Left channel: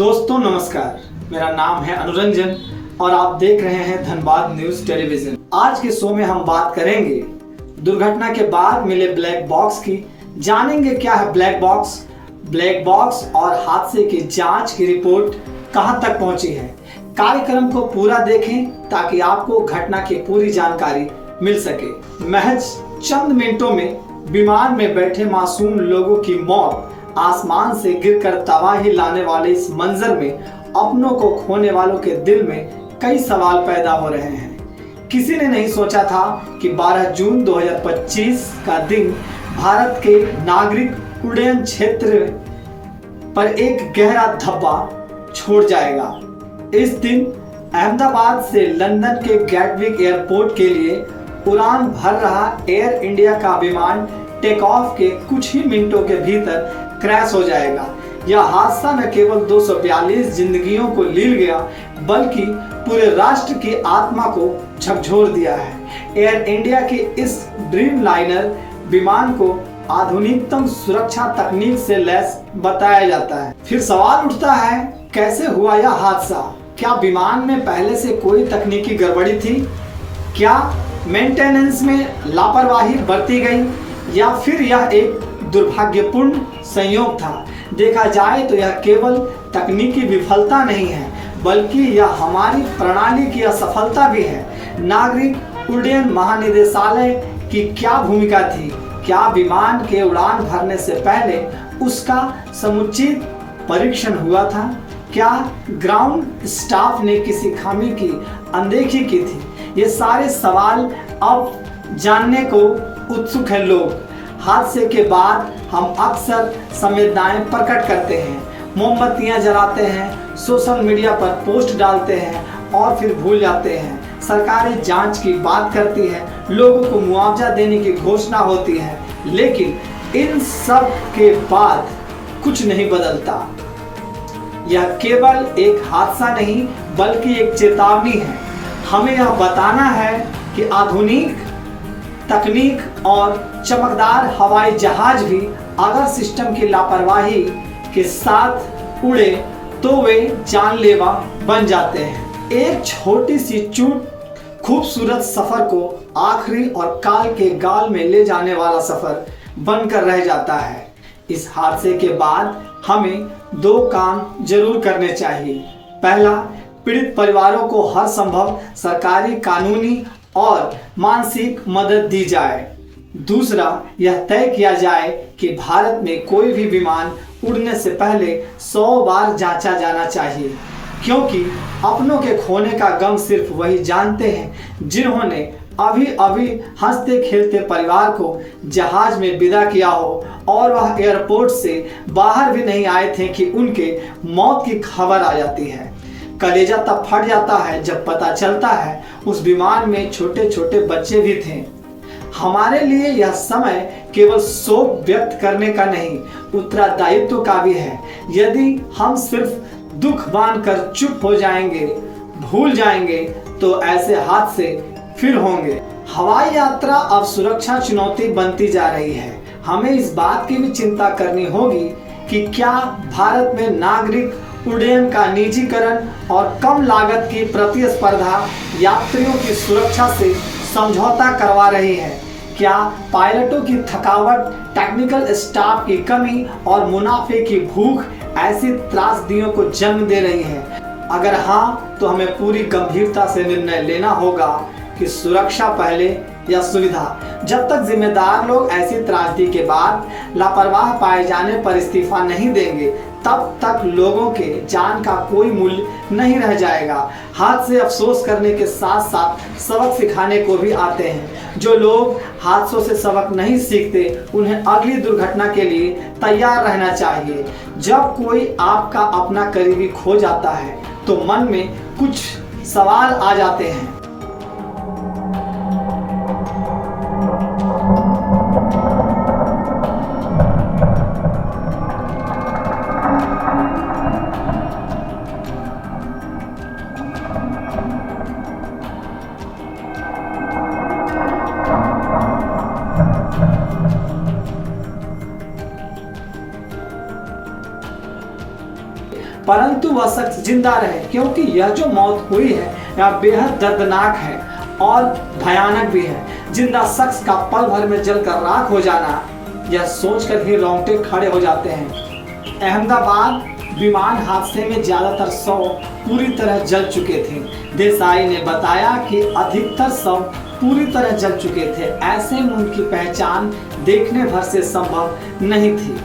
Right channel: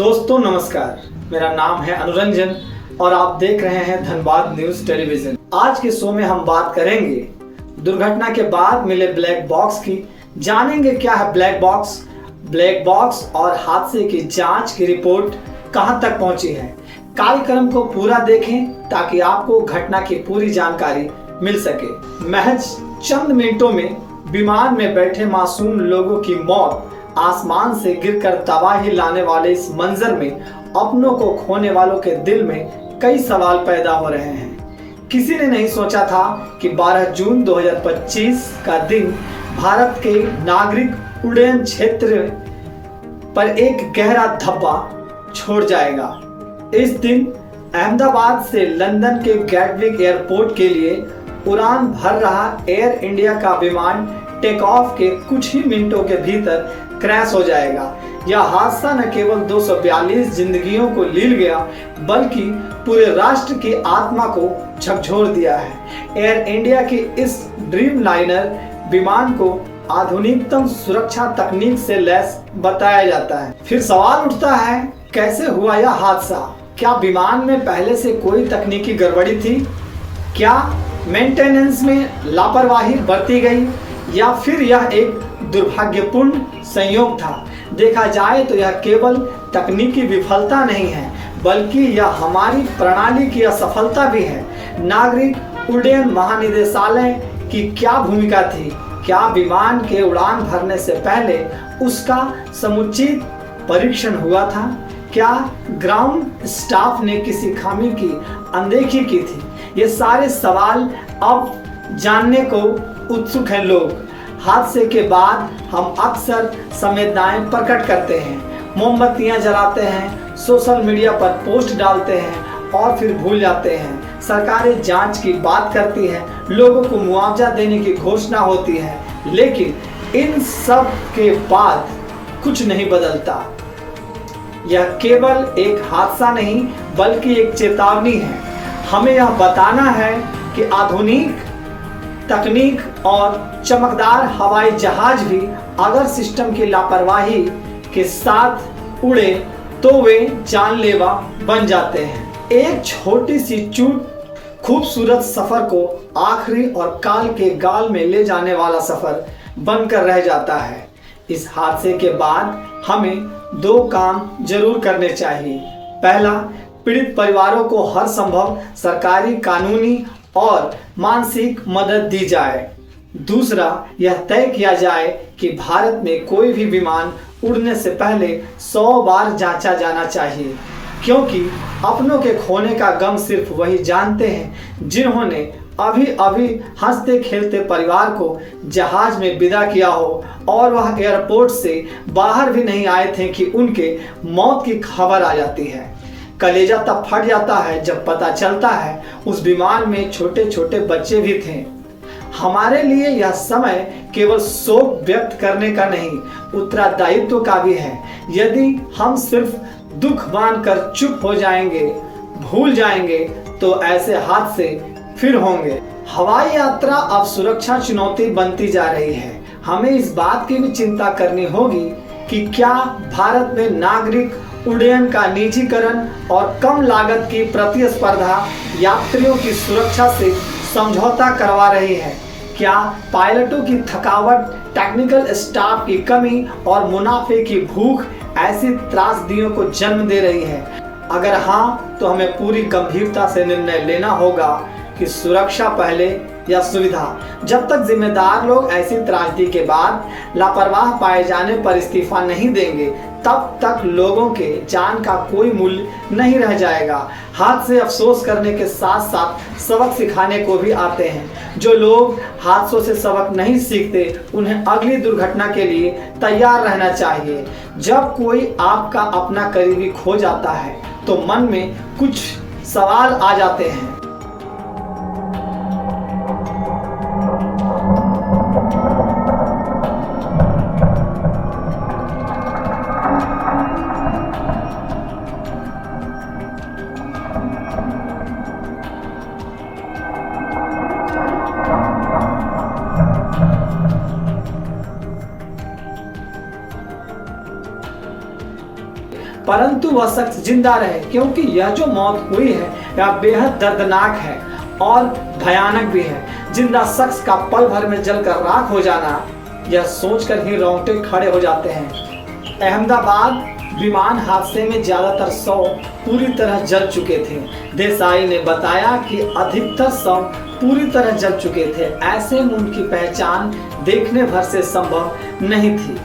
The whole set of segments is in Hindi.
दोस्तों नमस्कार, मेरा नाम है अनुरंजन और आप देख रहे हैं धनबाद न्यूज टेलीविजन। आज के शो में हम बात करेंगे दुर्घटना के बाद मिले ब्लैक बॉक्स की। जानेंगे क्या है ब्लैक बॉक्स और हादसे की जांच की रिपोर्ट कहां तक पहुंची है। कार्यक्रम को पूरा देखें ताकि आपको घटना की पूरी जानकारी मिल सके। महज चंद मिनटों में विमान में बैठे मासूम लोगों की मौत, आसमान से गिरकर तबाही लाने वाले इस मंजर में अपनों को खोने वालों के दिल में कई सवाल पैदा हो रहे हैं। किसी ने नहीं सोचा था कि 12 जून 2025 का दिन भारत के नागरिक उड्डयन क्षेत्र पर एक गहरा धब्बा छोड़ जाएगा। इस दिन अहमदाबाद से लंदन के गैटविक एयरपोर्ट के लिए उड़ान भर रहा एयर इंडिया का विमान टेक ऑफ के कुछ ही मिनटों के भीतर क्रैश हो जाएगा। यह हादसा न केवल 242 जिंदगियों को लील गया बल्कि पूरे राष्ट्र की आत्मा को झकझोर दिया है। एयर इंडिया के इस ड्रीम लाइनर विमान को आधुनिकतम सुरक्षा तकनीक से लैस बताया जाता है। फिर सवाल उठता है, कैसे हुआ यह हादसा? क्या विमान में पहले से कोई तकनीकी गड़बड़ी थी? क्या मेंटेनेंस में लापरवाही बरती गई या फिर यह एक दुर्भाग्यपूर्ण संयोग था? देखा जाए तो यह केवल तकनीकी विफलता नहीं है बल्कि यह हमारी प्रणाली की असफलता भी है। नागरिक उड्डयन महानिदेशालय की क्या भूमिका थी? क्या विमान के उड़ान भरने से पहले उसका समुचित परीक्षण हुआ था? क्या ग्राउंड स्टाफ ने किसी खामी की अनदेखी की थी? ये सारे सवाल अब जानने को उत्सुक हैं लोग। हादसे के बाद हम अक्सर संवेदनाएं प्रकट करते हैं, मोमबत्तियां जलाते हैं, सोशल मीडिया पर पोस्ट डालते हैं और फिर भूल जाते हैं। सरकारें जांच की बात करती है, लोगों को मुआवजा देने की घोषणा होती है, लेकिन इन सब के बाद कुछ नहीं बदलता। यह केवल एक हादसा नहीं बल्कि एक चेतावनी है। हमें यह बताना है कि आधुनिक तकनीक और चमकदार हवाई जहाज भी अगर सिस्टम की लापरवाही के साथ उड़े तो वे जानलेवा बन जाते हैं। एक छोटी सी चूक खूबसूरत सफर को आखिरी और काल के गाल में ले जाने वाला सफर बनकर रह जाता है। इस हादसे के बाद हमें 2 काम जरूर करने चाहिए। पहला, पीड़ित परिवारों को हर संभव सरकारी, कानूनी और मानसिक मदद दी जाए। दूसरा, यह तय किया जाए कि भारत में कोई भी विमान उड़ने से पहले 100 बार जांचा जाना चाहिए, क्योंकि अपनों के खोने का गम सिर्फ वही जानते हैं जिन्होंने अभी अभी हंसते खेलते परिवार को जहाज में विदा किया हो और वह एयरपोर्ट से बाहर भी नहीं आए थे कि उनके मौत की खबर आ जाती है। कलेजा तब फट जाता है जब पता चलता है उस विमान में छोटे छोटे बच्चे भी थे। हमारे लिए यह समय केवल शोक व्यक्त करने का नहीं, उत्तरदायित्व का भी है। यदि हम सिर्फ दुख मानकर चुप हो जाएंगे, भूल जाएंगे, तो ऐसे हादसे फिर होंगे। हवाई यात्रा अब सुरक्षा चुनौती बनती जा रही है। हमें इस बात की भी चिंता करनी होगी कि क्या भारत में नागरिक उड्डयन का निजीकरण और कम लागत की प्रतिस्पर्धा यात्रियों की सुरक्षा से समझौता करवा रही है? क्या पायलटों की थकावट, टेक्निकल स्टाफ की कमी और मुनाफे की भूख ऐसी त्रासदियों को जन्म दे रही है? अगर हाँ, तो हमें पूरी गंभीरता से निर्णय लेना होगा कि सुरक्षा पहले या सुविधा। जब तक जिम्मेदार लोग ऐसी त्रासदी के बाद लापरवाह पाए जाने पर इस्तीफा नहीं देंगे, तब तक लोगों के जान का कोई मूल्य नहीं रह जाएगा। हाथ से अफसोस करने के साथ साथ सबक सिखाने को भी आते हैं। जो लोग हादसों से सबक नहीं सीखते, उन्हें अगली दुर्घटना के लिए तैयार रहना चाहिए। जब कोई आपका अपना करीबी खो जाता है तो मन में कुछ सवाल आ जाते हैं। परंतु वह शख्स जिंदा रहे, क्योंकि यह जो मौत हुई है यह बेहद दर्दनाक है और भयानक भी है। जिंदा शख्स का पल भर में जलकर राख हो जाना, यह सोचकर ही रोंगटे खड़े हो जाते हैं। अहमदाबाद विमान हादसे में ज्यादातर शव पूरी तरह जल चुके थे। देसाई ने बताया कि अधिकतर शव पूरी तरह जल चुके थे, ऐसे में उनकी पहचान देखने भर से संभव नहीं थी।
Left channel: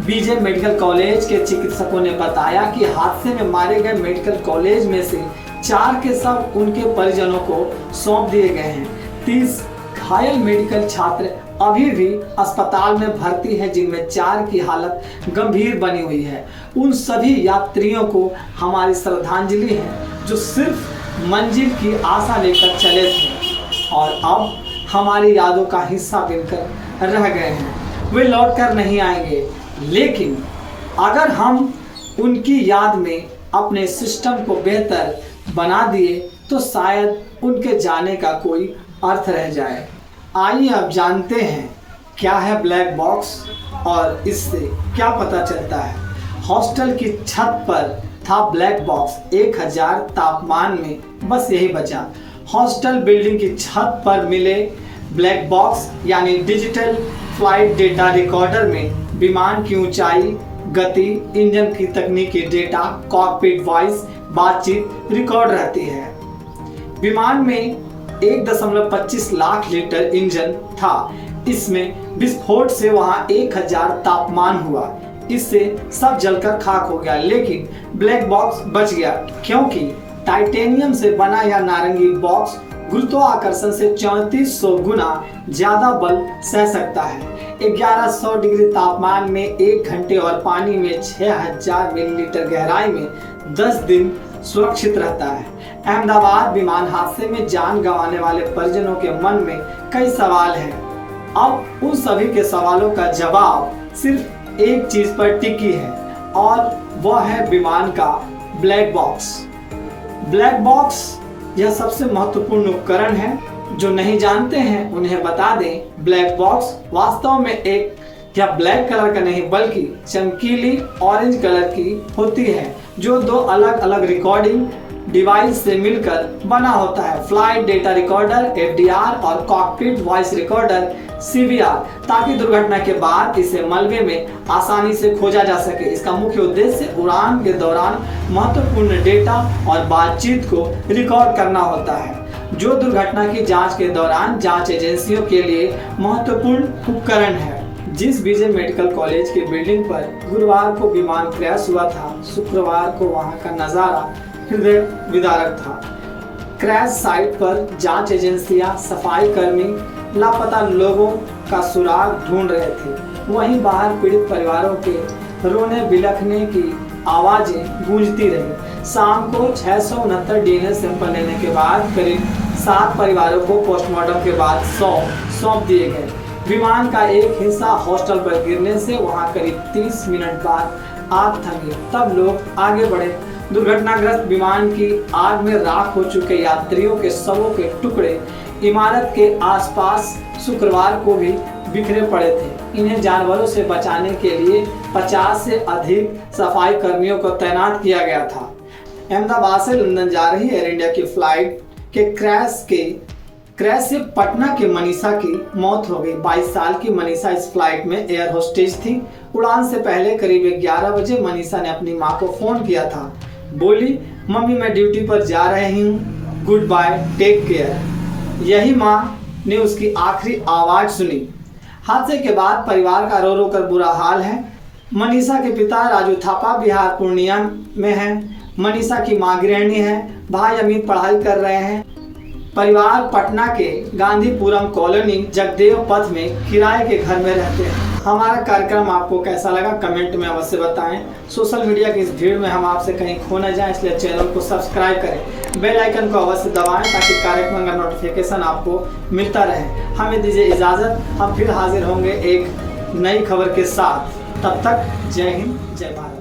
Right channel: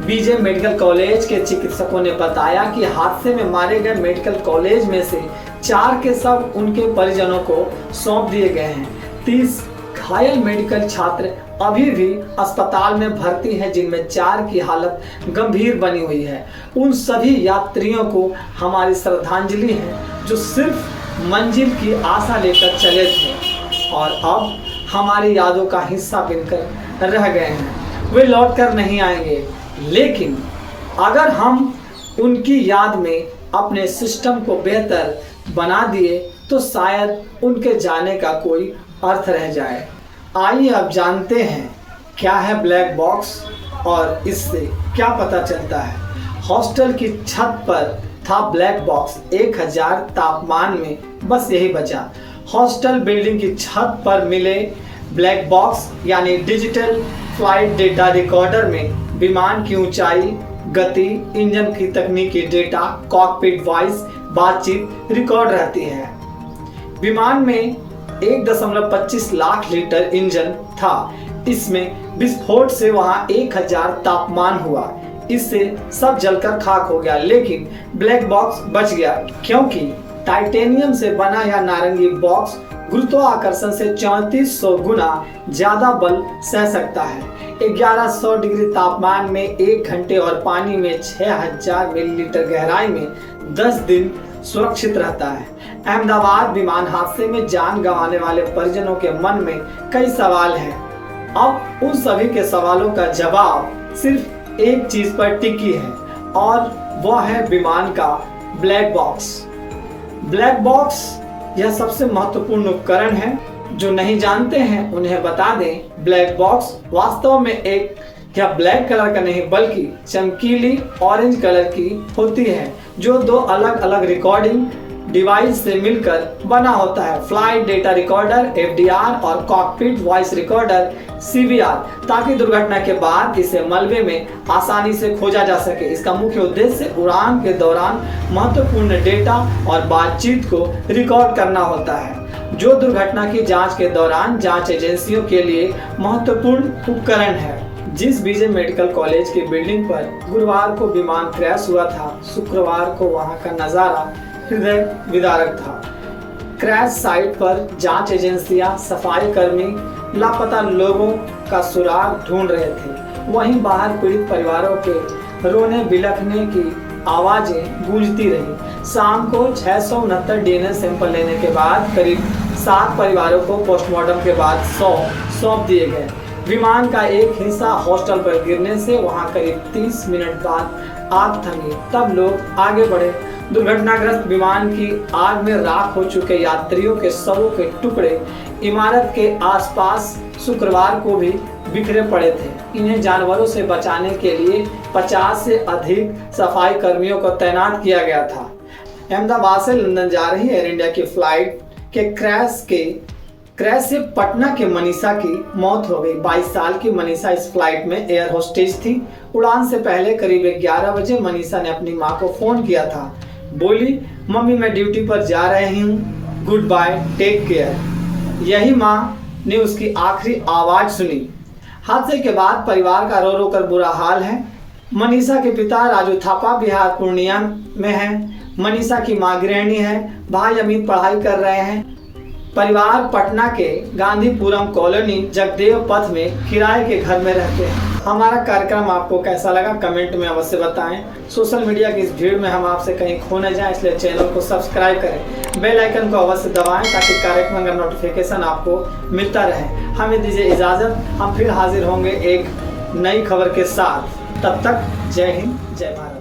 बीजे मेडिकल कॉलेज के चिकित्सकों ने बताया कि हादसे में मारे गए मेडिकल कॉलेज में से 4 के शव उनके परिजनों को सौंप दिए गए हैं। 30 घायल मेडिकल छात्र अभी भी अस्पताल में भर्ती हैं, जिनमें 4 की हालत गंभीर बनी हुई है। उन सभी यात्रियों को हमारी श्रद्धांजलि है जो सिर्फ मंजिल की आशा लेकर चले थे और अब हमारी यादों का हिस्सा बनकर रह गए हैं। वे लौट कर नहीं आएंगे, लेकिन अगर हम उनकी याद में अपने सिस्टम को बेहतर बना दिए तो शायद उनके जाने का कोई अर्थ रह जाए। आइए अब जानते हैं क्या है ब्लैक बॉक्स और इससे क्या पता चलता है। हॉस्टल की छत पर था ब्लैक बॉक्स, 1000 तापमान में बस यही बचा। हॉस्टल बिल्डिंग की छत पर मिले ब्लैक बॉक्स यानी डिजिटल फ्लाइट डेटा रिकॉर्डर में विमान की ऊंचाई, गति, इंजन की तकनीकी डेटा, कॉकपिट वॉइस, बातचीत रिकॉर्ड रहती है। विमान में 1.25 लाख लीटर इंजन था। इसमें विस्फोट से वहां 1000 तापमान हुआ, इससे सब जलकर खाक हो गया, लेकिन ब्लैक बॉक्स बच गया क्योंकि टाइटेनियम से बना यह नारंगी बॉक्स गुरुत्वाकर्षण से 3400 गुना ज्यादा बल सह सकता है। 1100 डिग्री तापमान में 1 घंटे और पानी में 6000 मिलीलीटर गहराई में 10 दिन सुरक्षित रहता है। अहमदाबाद विमान हादसे में जान गंवाने वाले परिजनों के मन में कई सवाल हैं। अब उन सभी के सवालों का जवाब सिर्फ एक चीज पर टिकी है और वह है विमान का ब्लैक बॉक्स। ब्लैक बॉक्स यह सबसे महत्वपूर्ण उपकरण है। जो नहीं जानते हैं उन्हें बता दें, ब्लैक बॉक्स वास्तव में एक या ब्लैक कलर का नहीं बल्कि चमकीली ऑरेंज कलर की होती है, जो 2 अलग अलग रिकॉर्डिंग डिवाइस से मिलकर बना होता है। फ्लाइट डेटा रिकॉर्डर FDR और कॉकपिट वॉइस रिकॉर्डर CVR, ताकि दुर्घटना के बाद इसे मलबे में आसानी से खोजा जा सके। इसका मुख्य उद्देश्य उड़ान के दौरान महत्वपूर्ण डेटा और बातचीत को रिकॉर्ड करना होता है, जो दुर्घटना की जांच के दौरान जांच एजेंसियों के लिए महत्वपूर्ण उपकरण है। जिस बीजे मेडिकल कॉलेज की बिल्डिंग पर गुरुवार को विमान क्रैश हुआ था, शुक्रवार को वहां का नजारा हृदय विदारक था। क्रैश साइट पर जांच एजेंसियां, सफाई कर्मी लापता लोगों का सुराग ढूंढ रहे थे। वहीं बाहर पीड़ित परिवारों के रोने बिलखने की आवाजें गूंजती रही। शाम को 669 DNA सैंपल लेने के बाद करीब 7 परिवारों को पोस्टमार्टम के बाद सौंप दिए गए। विमान का एक हिस्सा हॉस्टल पर गिरने से वहां करीब 30 मिनट बाद आग थमी, तब लोग आगे बढ़े। दुर्घटनाग्रस्त विमान की आग में राख हो चुके यात्रियों के शवों के टुकड़े इमारत के आसपास शुक्रवार को भी बिखरे पड़े थे। इन्हें जानवरों से बचाने के लिए 50 से अधिक सफाई कर्मियों को तैनात किया गया था। अहमदाबाद से लंदन जा रही एयर इंडिया की फ्लाइट के क्रैश से पटना के मनीषा की मौत हो गई। 22 साल की मनीषा इस फ्लाइट में एयर होस्टेज थी। उड़ान से पहले करीब 11 बजे मनीषा ने अपनी मां को फोन किया था। बोली, मम्मी मैं ड्यूटी पर जा रही हूँ, गुड बाय, टेक केयर। यही मां ने उसकी आखिरी आवाज सुनी। हादसे के बाद परिवार का रो रो कर बुरा हाल है। मनीषा के पिता राजू थापा बिहार पूर्णिया में है। मनीषा की मां गृहिणी है। भाई अमित पढ़ाई कर रहे हैं। परिवार पटना के गांधीपुरम कॉलोनी जगदेव पथ में किराए के घर में रहते हैं। हमारा कार्यक्रम आपको कैसा लगा कमेंट में अवश्य बताएं। सोशल मीडिया की इस भीड़ में हम आपसे कहीं खो न जाएं, इसलिए चैनल को सब्सक्राइब करें, बेल आइकन को अवश्य दबाएं ताकि कार्यक्रम का नोटिफिकेशन आपको मिलता रहे। हमें दीजिए इजाजत, हम फिर हाजिर होंगे एक नई खबर के साथ। तब तक जय हिंद, जय भारत।